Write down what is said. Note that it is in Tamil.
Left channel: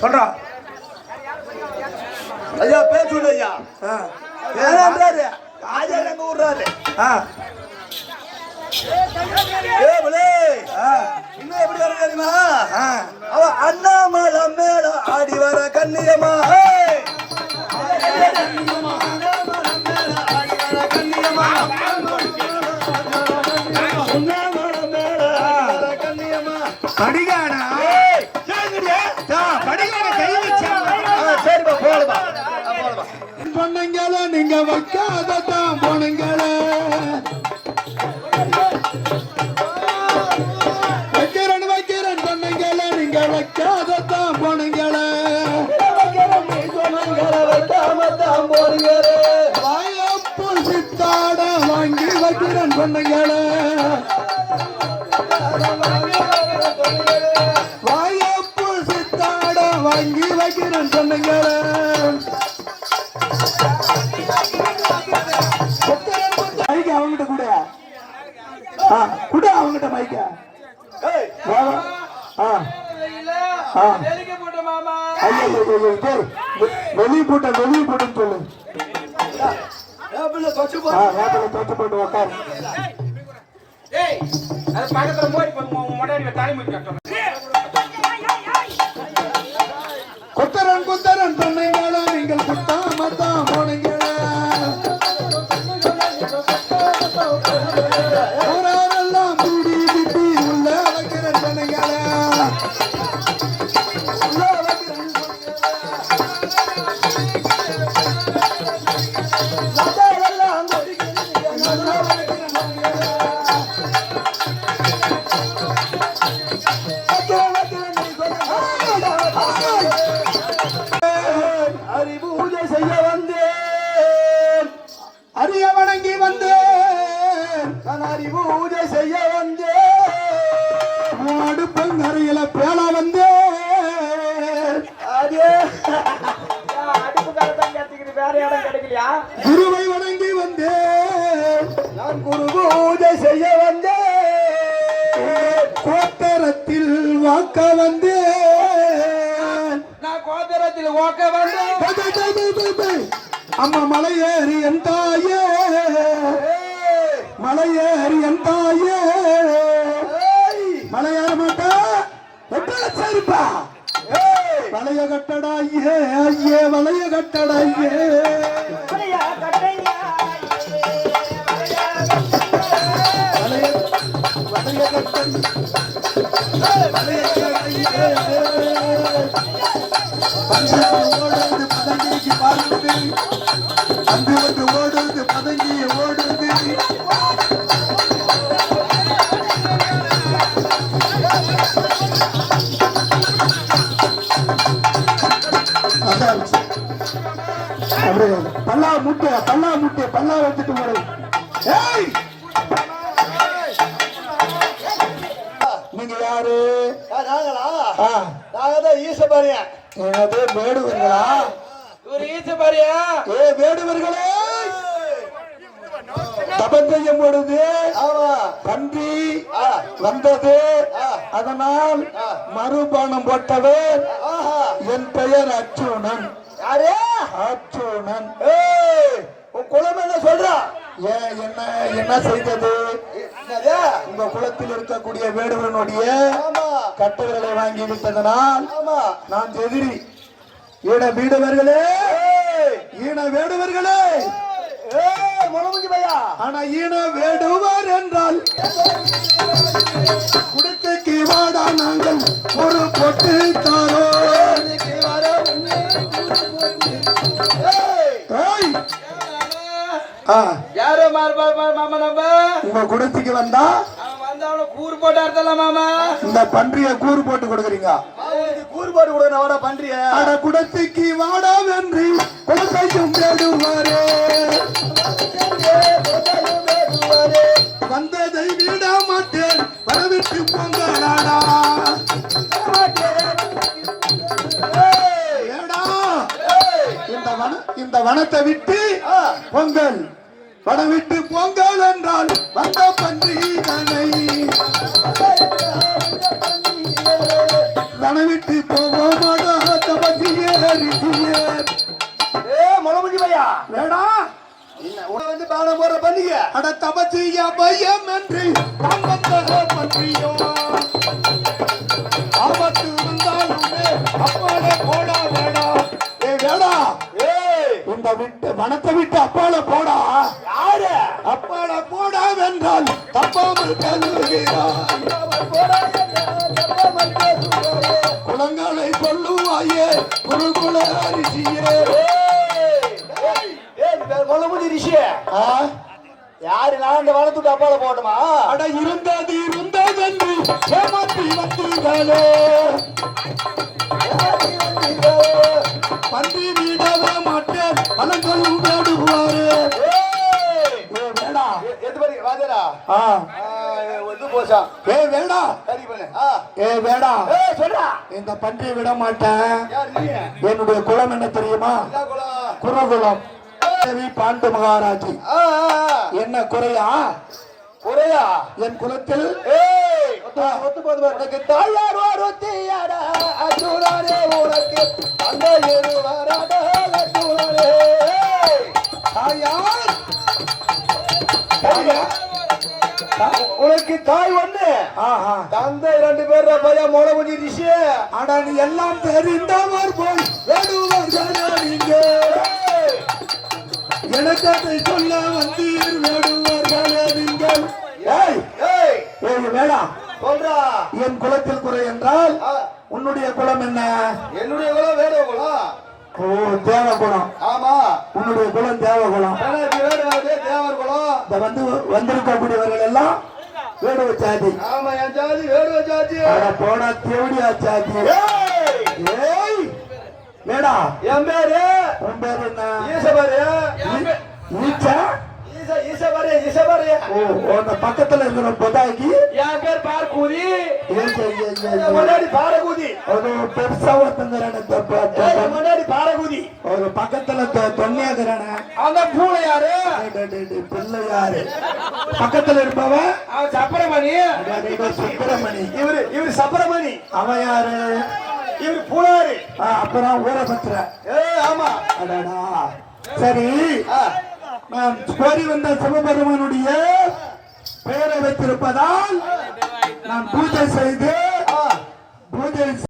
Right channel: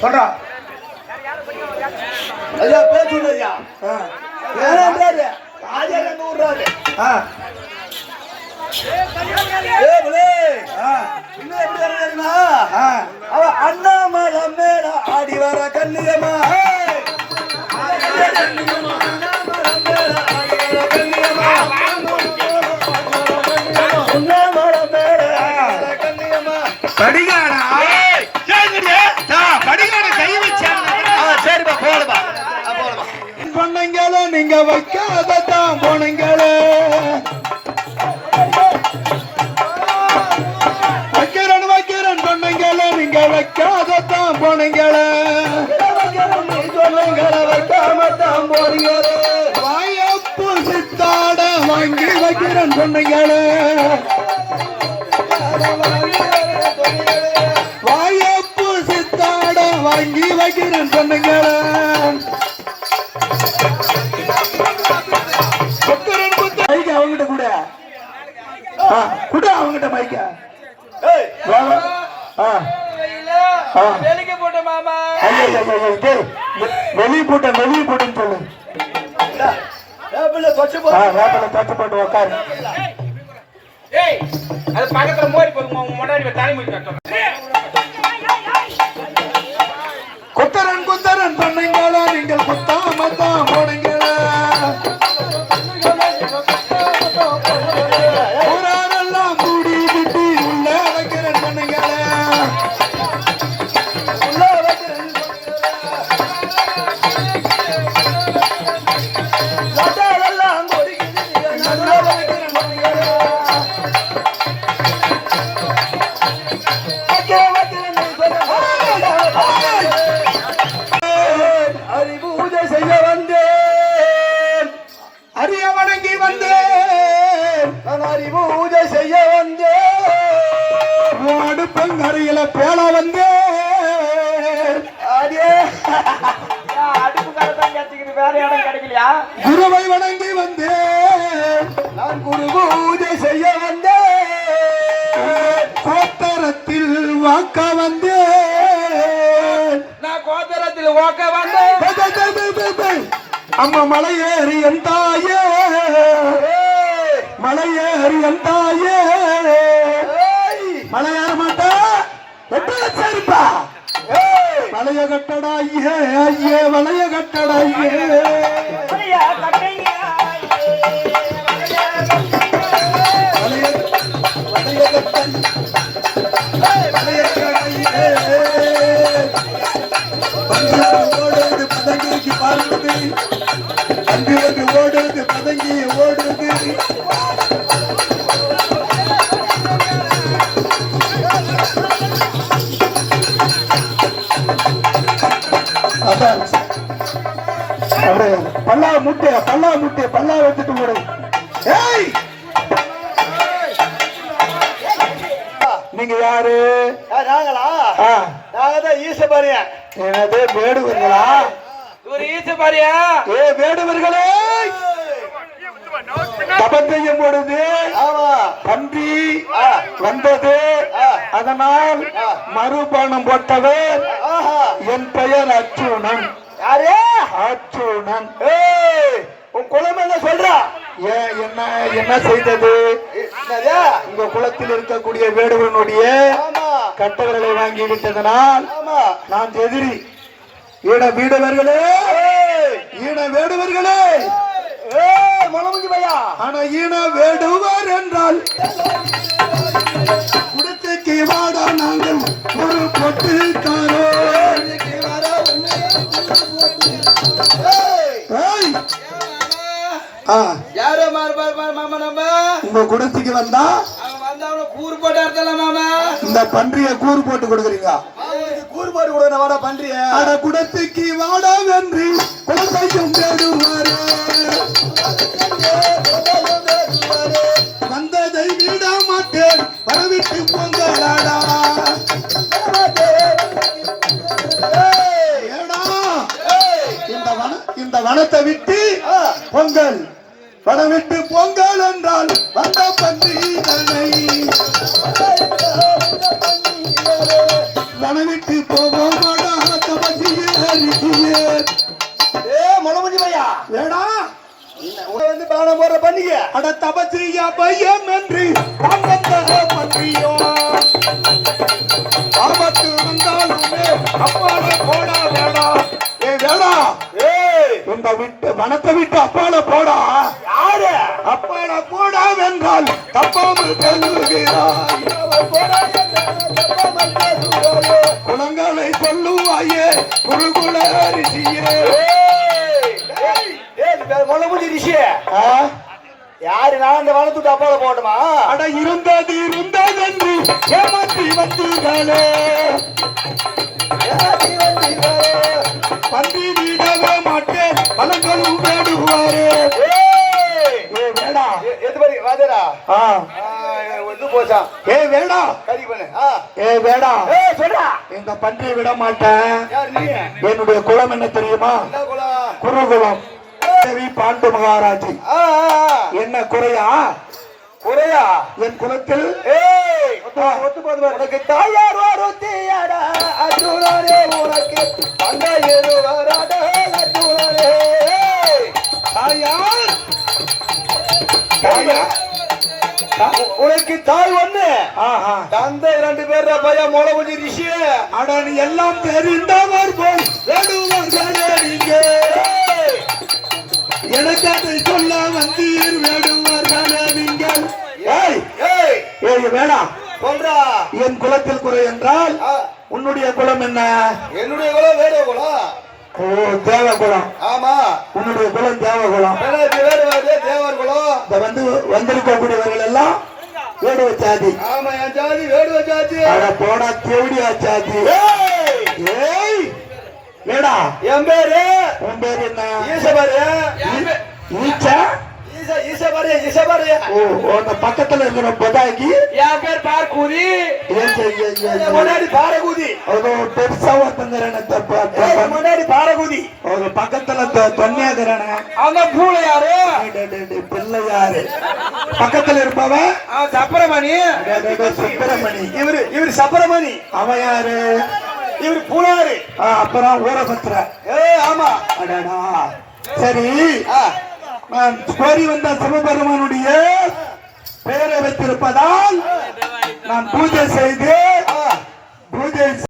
சொல்றா ஐயா பேச்சு ஐயா ஏன்றாரு ராஜா எங்க ஊர்றாரு இன்னும் எப்படி வர தெரியுமா அவ அண்ணாமலை மேல ஆடி வர கண்ணியமா பொண்ணுங்கள நீங்க வைக்காதான் போனீங்கள வைக்கிறேன் பொண்ணுங்கள நீங்க வைக்காதான் போனீங்கள வைக்காமத்தான் போறீங்களே வாயப்பு சித்தாட வாங்கி வைக்கிறேன் பொண்ணுங்கள வாயப்பு சித்தாட வாங்கி வைக்கிறேன் பொண்ணுங்கள அவங்கிட்ட கூட அவங்கிட்ட மைக்க வெளியே போட்டேன்னு சொல்லு போட்டு உக்காரு பக்கத்துல மோடி போய் தலைமுறை குத்தரன் பண்ணீங்களா நீங்கள் குத்தாமத்தான் போனீங்களா அடுப்பங்கரையில பேல வந்தே குருவை வணங்கி வந்தேன் நான் குரு பூஜை செய்ய வந்தேன் கோத்தரத்தில் வாக்க வந்தேன் நான் கோத்தரத்தில் வாக்க வந்தேன் அம்மா மலையேறி என் தாயே மலையேறி என் தாயே மலையேற மாட்டா சரிப்பா மலைய கட்டடா ஐயே மலைய கட்டடா ஓடுது பதங்கிக்கு பார்க்குது அன்பிற்கு ஓடுது பதங்கி ஓடுது பல்லா முட்டை பல்லா வச்சுட்டு போறேன் நீங்க யாரு நாங்களா நாங்கதான் ஈசபாரியா எனது வேடுவர்களா ஒரு ஈசபாரியா வேடுவர்களே தபம் செய்யும் பொழுது பன்றி வந்தது அதனால் மறுபானம் போட்டவர் என் பெயர் அச்சுணன் அச்சுணன் உன் குலம் என்ன சொல்றா என்ன செய்தது உங்க குலத்தில் இருக்கக்கூடிய வேடுவனுடைய கட்டவர்களை வாங்கி விட்டதனால் நான் எதிரி ஈட வீடவர்களே ஈன வேடுவர்களே ஆனா ஈன வேடுவர் என்றால் குடத்தைக்கு வாடா நாங்கள் ஒரு பொட்டுக்காரோ உங்க குடத்துக்கு வந்தா இந்த பன்றிய கூறு போட்டு கொடுக்குறீங்க கூறு போட்டு கொடுக்க பன்றிய குடத்துக்கு வாடா வென்றி குலத்தையும் தேடுவாரே வந்ததை விட மாட்டேன் வரவிட்டு பொங்கலாடா இந்த வனத்தை விட்டு பொங்கல் வனம் விட்டு பொங்கல் என்றால் வந்த பன்றிதனை வனம் விட்டு போவோமாடா அட தபசிய பயம் என்று நான் வந்த பற்றியோ ஆபத்து வந்தாலுமே அப்பால போடா வேடா ஏ வேடா இந்த விட்டு வனத்தை விட்டு அப்பால போடா யாரு அப்பால போடா வென்றால் தப்பாமல் பேசுகிறாய் குளங்களை சொல்லுவாயே குறுகுல அரிசியே முளமுடி ரிஷிய யாரு நான் அந்த வளத்துக்கு அப்பால போட்டோமா அட இருந்தது என்று ஏமாற்றி வந்தீர்களே பந்தி விடவே மாட்டேன் பழங்களும் வேடுவாரே வேடா எது படி வாதரா வந்து போச்சா ஏ வேடா கறி பண்ணு ஏ வேடா சொல்றா எங்க பன்றியை விட மாட்டேன் யார் நீ என்னுடைய குலம் என்ன தெரியுமா என்ன குலம் குருகுலம் தேவி பாண்டு மகாராஜி என்ன குறையா குறையா என் குலத்தில் ஒத்து போது உனக்கு தாயார் ஒருத்தியாடா அர்ஜுனரே உனக்கு தந்தையரு வராடா அர்ஜுனரே தாயார் உனக்கு தாய் ஒண்ணு தந்தை 2 பேர் பையன் முளமுடி ரிஷி அடன் எல்லாம் தெரிந்தவர் போல் வேடுவார்களே நீங்க எனக்கு அதை சொல்ல வந்தீர் வேடுவார்களே நீங்கள் ஏய் வேடா சொல்றா என் குலத்தில் குறை என்றால் உன்னுடைய குலம் என்ன என்னுடைய குலம் வேற குலம் ஓ தேவ குலம் ஆமா உன்னுடைய குலம் தேவ குலம் தேவர் குலம் இந்த வந்திருக்கக்கூடியவர்கள் எல்லாம் வேடுவ சாதி ஆமா என் ஜாதி வேடுவ ஜாதி அட போடா தேவடியா சாதி ஏய் வேடா என் பேரு உன் பேர் என்ன ஈசபாரு ஈச்சா ஈசபாரு ஈசபாரு ஓ அந்த பக்கத்துல இருக்கிற பொதாக்கி என் பேர் பார்க்கூதி முன்னாடி பாரகூதி அது பெருசா ஒருத்தங்கிறன முன்னாடி பாரகூதி ஒரு பக்கத்துல தொன்னியாகிறன அந்த பூளை யாரு பிள்ளை யாரு பக்கத்துல இருப்பவன் சப்பரமணி சுப்பிரமணி இவரு சப்பரமணி அவன் யாரு இவரு பூனாரு அப்புறம் ஊரபத்திர ஆமா அடடா சரி நான் கோரி வந்த சிவபெருமானுடைய பெயரை வைத்திருப்பதால் நான் பூஜை செய்து